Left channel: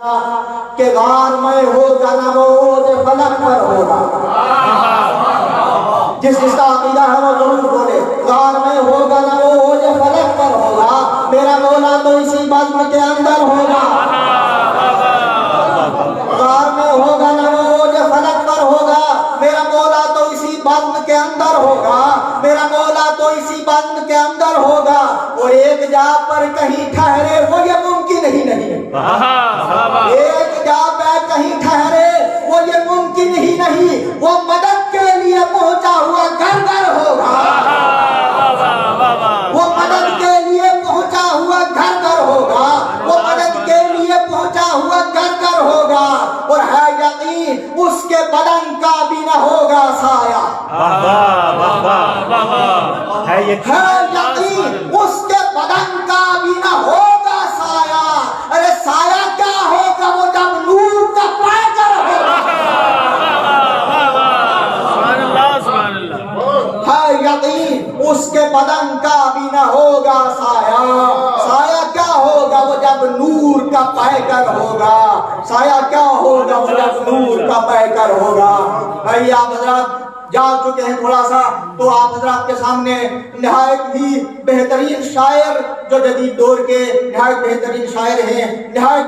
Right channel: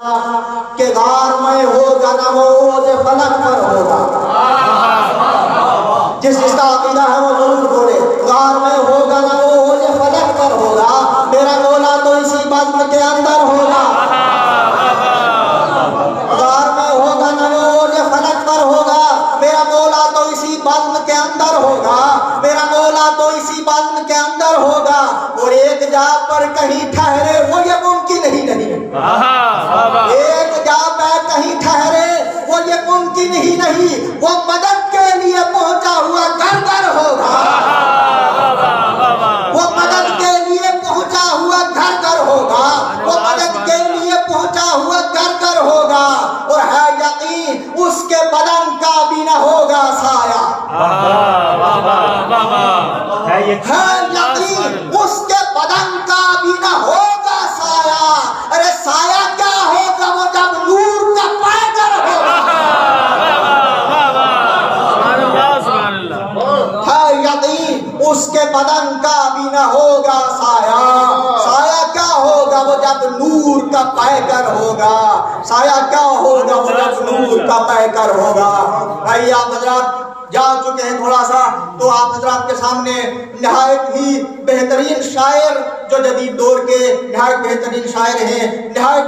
کہ غار میں ہوگا نہ وہ اوج فلک پر ہوگا. جس کا عقیدہ ہے وہ ضرور بولے. غار میں ہوگا نہ وہ اوج فلک پر ہوگا. میرا مولا تو اسی بزم کے اندر ہوگا. غار میں ہوگا نہ وہ اوج فلک پر ہوگا. میرا مولا تو اسی بزم کے اندر ہوگا. میرا مولا تو اسی بزم کے اندر ہوگا. اور ایک جا پر کہیں ٹھہرے وہ یہ ممکن ہی نہیں. ایک جا پہ کہیں ٹھہرے وہ یہ ممکن ہی نہیں. وہ مدد کے لیے پہنچا ہوا گھر گھر ہوگا. وہ مدد کے لیے پہنچا ہوا گھر گھر ہوگا. وہ مدد کے لیے پہنچا ہوا گھر گھر ہوگا. اور ہے یقین اس کے بدن کا بھی نہ ہوگا سایہ. ہے یقین اس کے بدن کا بھی نہ ہوگا سایہ. ارے سایہ کیا ہوگا وہ جب نور کا پیکر ہوگا. ہے یقین اس کے بدن کا بھی نہ ہوگا سایہ. سایہ کیا ہوگا وہ جب نور کا پیکر ہوگا. سایہ کیا ہوگا وہ جب نور کا پیکر ہوگا. بھائی آپ حضرات جا چکے ہیں تھوڑا سا تو آپ حضرات کے سامنے نہایت ہی بہترین شاعر جو جدید دور کے نہایت بہترین شاعر ہیں. نہایت